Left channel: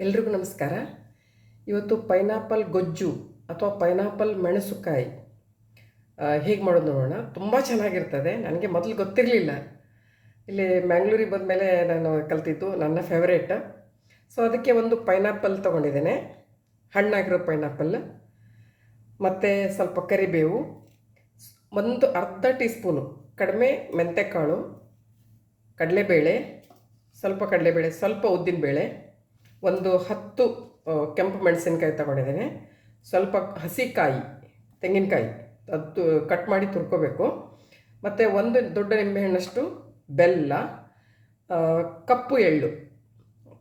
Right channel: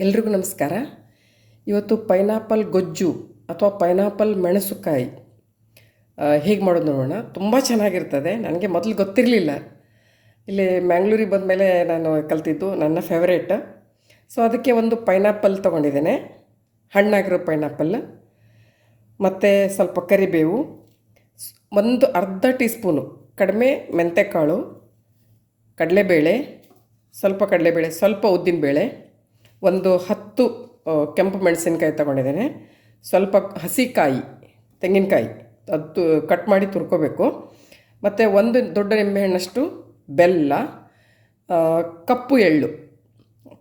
ಎಲ್ರಿಗೂ ನಮಸ್ಕಾರ. ಇವತ್ತು ಪೈನಾಪಲ್ ಗೊಜ್ಜು ಅಥವಾ ಪೈನಾಪಲ್ ಮೆಣಸುಕಾಯಿ ಹೇಗೆ ಮಾಡೋದು ನೋಡೋಣ. ತುಂಬ ಚೆನ್ನಾಗಿರ್ತದೆ. ನನಗೆ ಮೊದಲು ಗೊತ್ತಿರಲಿಲ್ಲ. ಇಲ್ಲಿ ಮ್ಯಾಂಗ್ಳೂರಿಗೆ ಬಂದಮೇಲೆ ನಾನು ಕಲ್ತಿದ್ದು ನನ್ನ ಫೇವ್ರೇಟ್. ಸೊ, ಅದಕ್ಕೆ ಒಂದು ಪೈನಾಪಲ್ ತೊಗೊಂಡಿದ್ದೇನೆ. ಹಣ್ಣಾಗಿರೋ ಪೈನಾಪಲ್, ಮತ್ತು ಸ್ವಲ್ಪ ಕರಿಬೇವು, ಒಂದು ಅರ್ಧ ಟೀ ಸ್ಪೂನು ಕಡಿಮೆ ಮೆಂತೆಕಾಳು, ಕಡಲೆಬೇಳೆ, ಸ್ವಲ್ಪ ಕಡಲೆಬೇಳೆ, ಸ್ವಲ್ಪ ಉದ್ದಿನಬೇಳೆ ಒಂದು ಹತ್ತು ಕೆಂಪು ಮೆಣಸಿನ್ಕಾಯಿ ತಗೊಂಡಿದ್ದೇನೆ. ಸ್ವಲ್ಪ ಹಸಿಕಾಯಿ, ತೆಂಗಿನಕಾಯಿ, ಅದು ಕಟ್ ಮಾಡಿ ತುರ್ಕೋಬೇಕು. ಮತ್ತು ಒಂದು ದೊಡ್ಡ ನಿಂಬೆಹಣ್ಣಷ್ಟು ಬೆಲ್ಲ ಕಪ್ಪು ಎಳ್ಳು.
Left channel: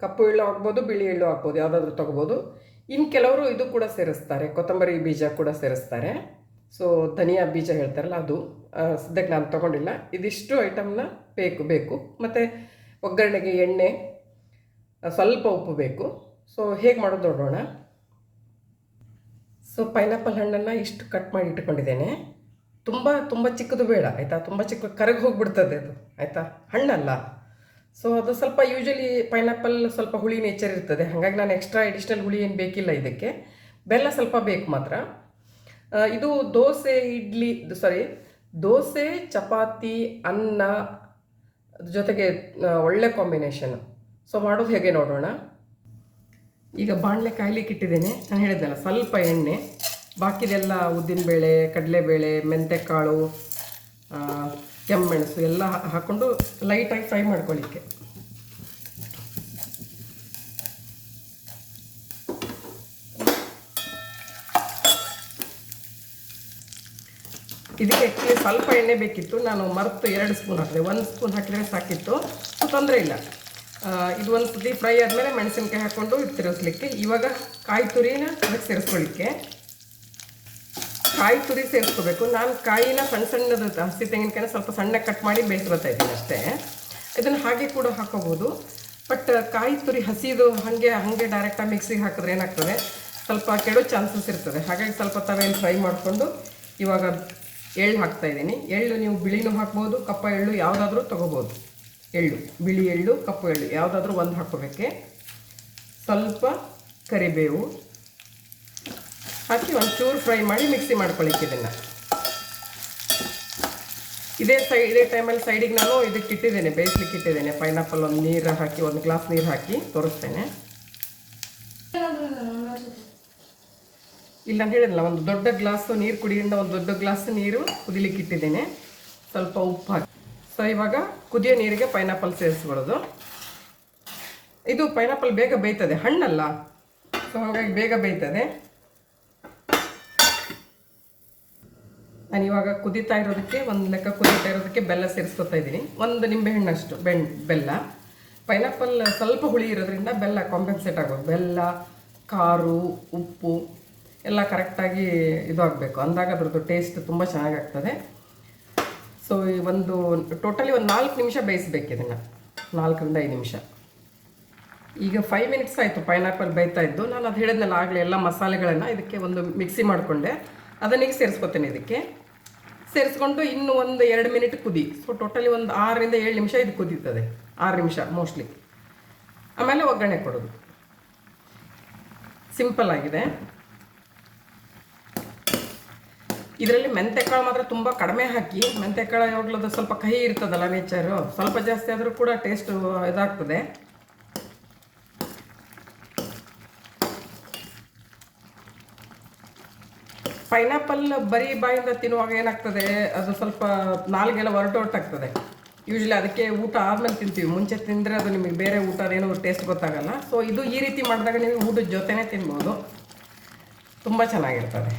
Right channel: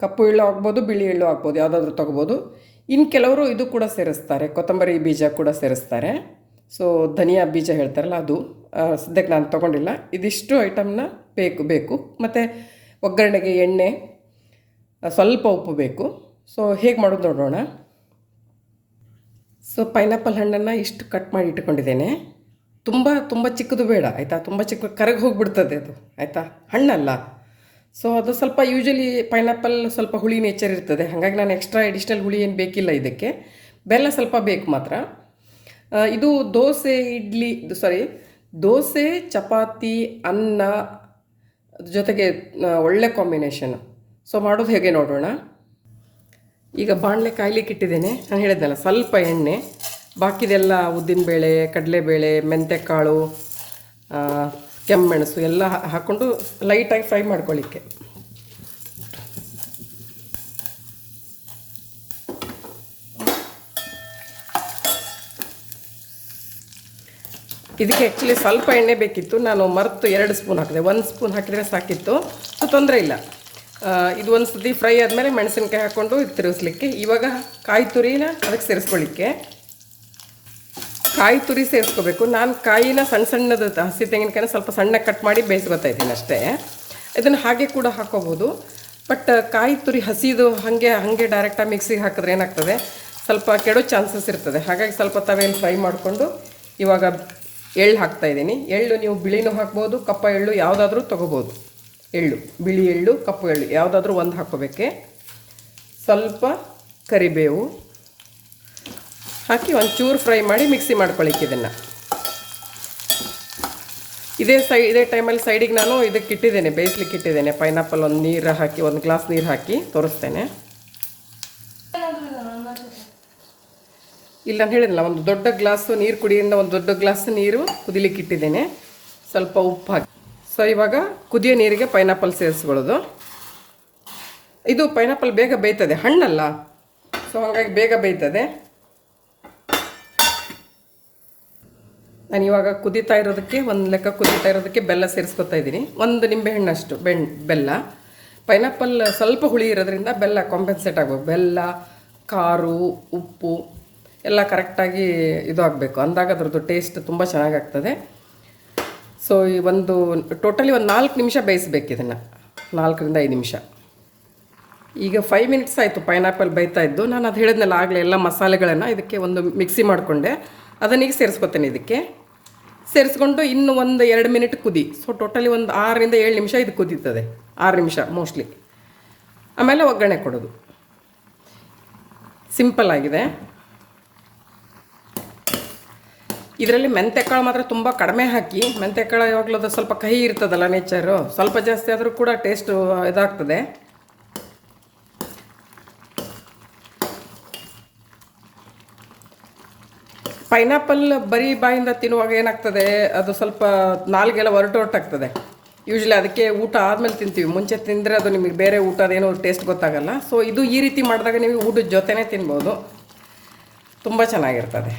ಕಪ್ಪು ಎಳ್ಳು ಆಗ್ಬೋದು, ಬಿಳಿ ಎಳ್ಳು ಆಗ್ಬೋದು, ಯಾವುದಾದ್ರೂ ತೊಗೋಬೋದು. ಇನ್ನು ಕೆಲವರು ಇದು ಕೂಡ ಸೇರಿಸ್ತಾರೆ, ಕೊತ್ತಂಬರಿ ಬೀಜ ಕೂಡ ಸೇರಿಸ್ತಾರೆ. ಸೊ ಧನಿಯಾ ಬೀಜ ಹೇಳ್ತಾರಲ್ಲ ಅದು ಸದ್ಯಕ್ಕೆ ನಾನು ತೊಗೊಂಡಿಲ್ಲ. ಇದಿಷ್ಟು ಐಟಮ್ನ ಬೇಕು ಬೇಕು. ಮತ್ತು ಒಗ್ಗರಣೆಗೆ ಎಣ್ಣೆ ಸ್ವಲ್ಪ ಉಪ್ಪು ಬೇಕು. ಸೊ ಹೇಗೆ ಮಾಡೋದು ನೋಡೋಣ. ಸೊ ಪೈನಾಪಲ್ ಹಣ್ಣನ್ನು ಇಷ್ಟು ಕಟ್ ಮಾಡಿ ಇಟ್ಕೊಂಡಿದ್ದೇನೆ. ತುಂಬ ತುಂಬ ಚಿಕ್ಕದು ಬೇಡ, ಆಯಿತಾ? ತುಂಬ ಚಿಕ್ಕ, ಕರಗಿ ಹೋಗಿಬಿಡ್ತದೆ ಅದು, ಆಯಿತಾ? ಹಣ್ಣಲ್ಲ. ಸೊ ಅದು ಸ್ವಲ್ಪ ಯೂಶಲಿ ಪೈನಾಪಲ್ ಸ್ವಲ್ಪ ಹುಳಿ ನೇಚರ್ ಇರ್ತದೆ. ಹಾಗಾಗಿ ನಾನು ಎಕ್ಸ್ಟ್ರಾ ಎಡಿಷ್ನಲ್ ಹುಳಿ ಏನು ಬೇಕಿಲ್ಲ ಇದಕ್ಕೆ. ಬೆಲ್ಲ ಸ್ವಲ್ಪ ಬೇಕು ಮಾತ್ರ. ಇದು ದೋಸೆ, ಇಡ್ಲಿ ಸಾರಿ ದೋಸೆ, ಚಪಾತಿ, ಅನ್ನ ಜೊತೆಗೆ ಒಳ್ಳೆ ಕಾಂಬಿನೇಷನ್ ಸೊ ಮಾಡೋದು ಹೇಗೆ ನೋಡೋಣ? ಈಗ ಬಾಣಲೆ ಕಾಯ್ಲಿಕ್ಕೆ ಇಟ್ಟಿದ್ದೇನೆ. ನಾನು ಹೇಳಿದ್ನಲ್ಲ ಸ್ವಲ್ಪ ಎಣ್ಣೆ, ಬಾಕಿದೆಲ್ಲ ಉದ್ದಿನಬೇಳೆ ಕಡಲೆಬೇಳೆ ಮೆಂತ್ಯಕಾಳು ಕೆಮ್ಮೆಣಸು ಎಲ್ಲ ಹಾಕ್ಕೊಂಡು ಲೈಟಾಗಿ ಫ್ರೈ ಮಾಡ್ಕೊಳ್ಳಿಕ್ಕೆ. ಇದಕ್ಕೆ ಆ್ಯಕ್ಚುಲಿ ಸ್ವಲ್ಪ ಎಣ್ಣೆ ಬೇಕಿತ್ತು. ನಾನು ಮರೆತು ಎರಡು ಸ್ಪೂನ್ ಹಾಕಿದೆ. ಒಂದು ಸ್ಪೂನ್ ಹಾಕಿದರೆ ಸಾಕಿತ್ತು. ತೊಂದರೆ ಇಲ್ಲ. ಇದು ಒಂದು ಸತಿ ಫ್ರೈ ಆದಮೇಲೆ ಮೆಣಸಿನ್ಕಾಯಿ ಹಾಕ್ಕೊಂಡು ಇದು ತಿರುಗಿಸ್ಲಿಕ್ಕೆ. ಇವಾಗ ಕಾಯಿ ತುರಿನ ಅದಕ್ಕೆ ಸೇರಿಸ್ಕೊಳ್ಳಿಕ್ಕೆ ಕಾಯಿ ತುರಿ ಸೇರಿಸ್ಕೋಬೇಕು. ನಾನು ಕಾಯಿನ ಸಣ್ಣ ಸಣ್ಣದು ಹಸಿ ತೆಂಗಿನಕಾಯಿನ ಸ್ವಲ್ಪ ಸಣ್ಣ ಕಟ್ ಮಾಡಿ ಬೇಯಿಸ್ಕೊತಾ ಇದ್ದೀನಿ ಅಷ್ಟೇ. ಇದನ್ನು ಹಾಗೆ ಕೂಡ ಹಾಕೋಬೋದು. ಬಟ್ ಕಾಯಿ ತುರಿ ಹಸಿದು ಹಾಗೆ ಹಾಗೆ ಡೈರೆಕ್ಟಾಗಿ ಮಿಕ್ಸಿಗೆ ಹಾಕಿದ್ರೆ ಏನಾಗ್ತದೆ? ಸ್ವಲ್ಪ ಕೆಡೋ ಚಾನ್ಸಸ್ ಇರ್ತದೆ. ಹಾಗಾಗಿ ಸ್ವಲ್ಪ ತವೆಯಲ್ಲಿ ಫ್ರೈ ಮಾಡಿಕೊಂಡು ಇವಾಗ ಎಳ್ಳು ಹಾಕ್ತಾ ಇದ್ದೀನಿ. ಎಳ್ಳು ನೀವು ಬಿಳಿನೂ ಹಾಕ್ಬೋದು, ಕಪ್ಪ ಎಳ್ಳು ಯಾವುದಾದ್ರೂ ತೊಗೋಬೋದು. ಎಳ್ಳು, ಬಿಳಿ ಎಳ್ಳು, ಕಪ್ಪು ಎಳ್ಳು, ಯಾವುದಾದ್ರೂ ಒಂದು ಹಾಕ್ಕೋಬೇಕೆ. ಸ್ವಲ್ಪ ಕರಿಬೇವು ಹಾಕಿ ಒಂಚೂರು ಫ್ರೈ ಮಾಡಿ ಮಿಕ್ಸಿ ಮಾಡ್ಕೊಳ್ಳಿಕ್ಕೆ ಇದನ್ನು. ಇದೇ ಸೈ, ಇದೇ ಟೈಮಲ್ಲಿ ಸೈಡಿಗೆ ನಾನು ಇದಕ್ಕೆ ಇಟ್ಟಿದ್ದೇನೆ, ಬೇಯಿಸ್ಲಿಕ್ಕೆ ಇಟ್ಟಿದ್ದೇನೆ. ಪೈನಾಪಲ್ ಒಂದು ನೀರು ಹಾಕಿ, ಒಂದು ಗ್ಲಾಸ್ ನೀರು ಹಾಕಿ ತೋರಿಸ್ತೇನೆ. ಇಲ್ಲ, ನಾನು ಹೇಳಿದ್ನಲ್ಲ, ಒಂದು ದೊಡ್ಡ ಗ್ಲಾಸು ನೀರು ಕುಡಿಯಿಂದ ಒಂದು ದೊಡ್ಡ ಗ್ಲಾಸ್ ನೀರು ಕುದಿಲಿಕ್ಕೆ ಇಟ್ಟಿದ್ದೇನೆ. ಸ್ವಲ್ಪ ಉಪ್ಪು ಹಾಕಿ. ಸೊ ಇವಾಗ ಕುದಿಯೋ ನೀರಿಗೆ ಪೈನಾಪಲ್ ಸೇರಿಸ್ಕೊಳ್ಳೋದು. ಇದು ಪೈನಾಪಲ್ ಬೇಗ ಬೇಯ್ತದೆ, ಹಣ್ಣಲ್ಲ. ಸೊ ಹಾಗಾಗಿ ಬೇಗ ಬೇಯ್ತದೆ. ನಾನು ಇವಾಗ ಕುದೀತಾ ಇರೋದಕ್ಕೆ, ಒಂದು ಲೆಕ್ಕ ಕುದೀತಾ ಇರೋದಕ್ಕೆ ಬೆಲ್ಲ ಸೇರಿಸ್ಕೊತಾ ಇದ್ದೀನಿ. ಒಂದು ನಿಂಬೆಹಣ್ಣಷ್ಟು ಬೆಣ್, ಬೆಲ್ಲ. ಪೈನಾಪಲ್ ಸ್ವಲ್ಪ ಹುಳಿ ಇರೋದ್ರಿಂದ ಬೆಲ್ಲ ಕಾಂಪೆನ್ಸೇಟ್ ಆಗೋ ಬೆಲ್ಲ ಖಾರು ಉಪ್ಪು, ಎಲ್ಲ ಕರೆಕ್ಟಾಗಿ ಇದು ಆಗಬೇಕು. ಅಂದಾಗ ಅದ್ರದ್ದು ಟೇಸ್ಟ್ ತುಂಬ ಚೆನ್ನಾಗಾಗ್ತದೆ. ಸೊ ಈ ಒಂದು ಟೋಟಲಿ ಒಂದು ನಾಲ್ಕು ನಿಮಿಷ ಬೇಯಿಸ್ಬೇಕು ಇದನ್ನು. ನಾಲ್ಕರಿಂದ ಐದು ನಿಮಿಷ. ಈಗ ಫೈವ್ ಮಿನಿಟ್ಸ್ ಆಯಿತು ಪೈನಾಪಲ್ ಬೇಯ್ತಾ ಇದ್ದು. ನಾನು ಅದು ಹೇಳಿದ್ನಲ್ಲ ಆಗಲೇ ಎಲ್ಲ ಮಸಾಲೆಗಳನ್ನು ಇದಕ್ಕೆ ಒಂದು ಮಿಕ್ಸಿ ಮಾಡಿಕೊಂಡೆ. ಅದನ್ನೀಗ ಸೇರಿಸ್ಕೊತೇನೆ ಇದಕ್ಕೆ. ಸೇರಿಸ್ಕೊಂಡು ಇನ್ನು ಒಂದು ಎರಡು ಮಿನಿಟ್ ಕುದಿ. ಸೊ ಟೋಟಲಿ ಒಂದು ಆರರಿಂದ ಏಳು ನಿಮಿಷ ಇದು ಕುದೀತದೆ. ಆರು ನಿಮಿಷ ಮೋಸ್ಟ್ಲಿ ಆಮೇಲೆ ಒಗ್ಗರಣೆ ಕೊಡೋದು. ಸಿಂಪಲ್ ಆಗಿದೆ. ಇದರಲ್ಲಿ ಮೆಂತೆಕಾಳು ಮಾತ್ರ ತುಂಬ ಕಡಿಮೆ ಹಾಕಿ, ಮೆಂತೆಕಾಳು ಯಾವಾಗಲೂ ಅದು ಸ್ವಲ್ಪ ಕಹಿ ಇರ್ತದಲ್ಲ ನೇಚರು ಸ್ವಲ್ಪ ಜಾಸ್ತಿ ಆದರೂ ಕೂಡ ಟೇಸ್ಟ್ ಇದಾಗ್ತದೆ. ಪೈನಾಪಲ್ ಬರೀ ಬಾಯಿಂದ ತಿನ್ನುವಾಗ ಏನಾಗ್ತದೆ, ಅದು ಸ್ವಲ್ಪ ನಾಲ್ಗೆಲ್ಲ ಹೊರಟೊರಟಾಗ್ತದೆ ಯೂಶ್ವಲಿ ಅದಕ್ಕೆ ಊಟ ಆದಮೇಲೆ ತಿಂತೀವಿ, ಮುಂಚೆ ತಿಂದರೆ ಅದು ನಿಮಗೆ ಬೇರೆ ಊಟ ಅದೇನೋ ಟೇಸ್ಟ್ ಗೊತ್ತಾಗಲ್ಲ. ಸೊ ಇದು ಈ ರೀತಿ ಮಾಡಿದಾಗ ನೀವು ಊಟದ ಜೊತೆನೇ ತಿನ್ಬೋದು. ತುಂಬ ಚೆನ್ನಾಗಿರ್ತದೆ.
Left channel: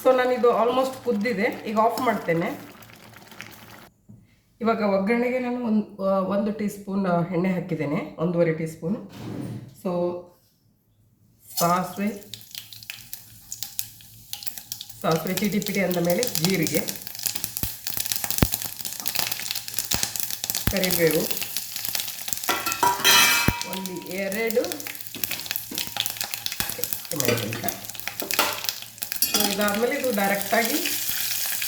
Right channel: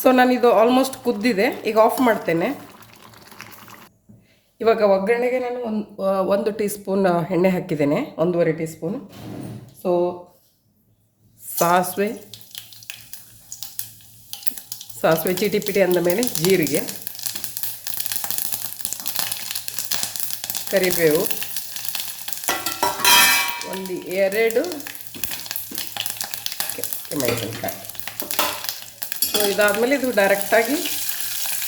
ಸೊ ನಾನಿದು ಆಲ್ಮೋಸ್ಟ್ ಕುದ್ದಿದೆ. ಈಗ ಆಫ್ ಮಾಡ್ತೇನೆ. ಇವಾಗ ಒಗ್ಗರಣೆಗೆ ನಾನು ಒಂದು ಒಂದು ಟೀ ಸ್ಪೂನ್ ಎಣ್ಣೆ ಹಾಕಿದ್ದೇನೆ. ಒಂದೂವರೆ ಟೀ ಸ್ಪೂನ್ ಸೊ ಸಾಸಿವೆ ಸಾಸಿವೆ ಚೀಟಿ ಪಿಟಿ ಅಂದಮೇಲೆ ಜೀರಿಗೆ, ಕರಿಬೇವು, ಒಂದು ಎರಡು ಮೆಣಸಿನ್ಕಾಯಿ ಸೊ ಇದಾದಮೇಲೆ ಇದು ಡೈರೆಕ್ಟಾಗಿ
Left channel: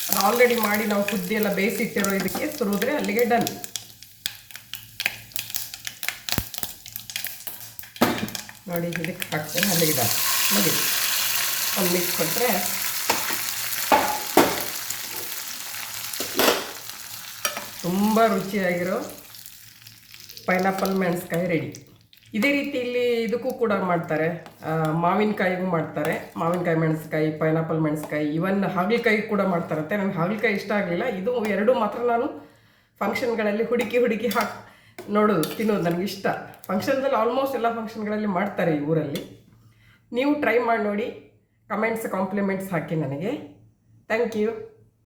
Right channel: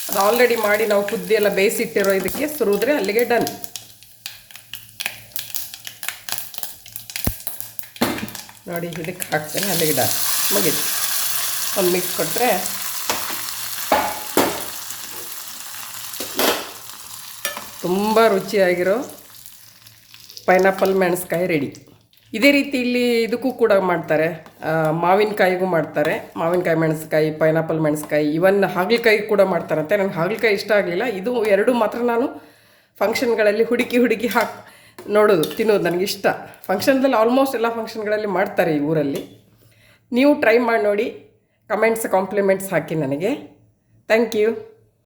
ಅದು ಆಲ್ರೆಡಿ ಮಾಡಿ ನಾವು ಕುದ್ದಿ ಎಲ್ಲ ಬೇಯಿಸಿಟ್ಟಿರೋ ಇದಕ್ಕೆ ಸುರಿದ್ರೆ ಅಲ್ಲಿಗೆ ಡನ್ ನೋಡಿ, ಇದಕ್ಕೆ ಹಾಕ್ತೇನೆ ಅಲ್ಲಿಗೆ ಡನ್ ಮುಗೀತು. ಒಂದು ಮಿಕ್ಸ್ ಕೊಟ್ಟರೆ ತುಂಬ ರುಚಿಯಾಗಿರೋ ಪೈನಾಪಲ್ ಮೆಣಸ್ಕಾಯಿ ರೆಡಿ ಇದೇ ರೀತಿ ಇಲ್ಲಿ ಇದಕ್ಕೂ ಕೂಡ ಮಾಡ್ತಾರೆ. ಮಾವಿನಕಾಯಿಗೂ ಮಾಡ್ತಾರೆ. ಮಾವಿನಕಾಯಿ ಮೆಣಸ್ಕಾಯಿ ಪೈನಾಪಲ್ ಮೆಣಸ್ಕಾಯಿ ಇವನ್ ಹಾಗಲಕಾಯಿ ಕೂಡ ಮಾಡ್ತಾರಂತೆ. ನನಗೆ ಹಾಗಲಕಾಯಿ ಇಷ್ಟ ಆಗಲಿಲ್ಲ. ಇದು ಎರಡು ಮಾತ್ರ ನಾನು ಫಂಕ್ಷನ್ಗಳಲ್ಲಿ ಹುಡುಕಿ ಹುಡುಕಿ ಹಾಕಿ, ನೋಡೋದು, ತಿನ್ನೋದು ನನಗೆ ಇಷ್ಟ. ಫಂಕ್ಷನ್ದಲ್ಲಿ ಆಲ್ಮೋಸ್ಟ್ ಎಲ್ಲ ಫಂಕ್ಷನ್ಗಳಲ್ಲಿ ಮಾಡ್ತಾರೆ ಈ ಊರಲ್ಲಿ. ನೀವು ಟ್ರೈ ಮಾಡಿ ನೋಡಿ. ಕಮೆಂಟ್ಸ್ ಕಾಂಪ್ಲಿಮೆಂಟ್ಸ್ ಹಾಕಿ ನನಗೆ. Thank you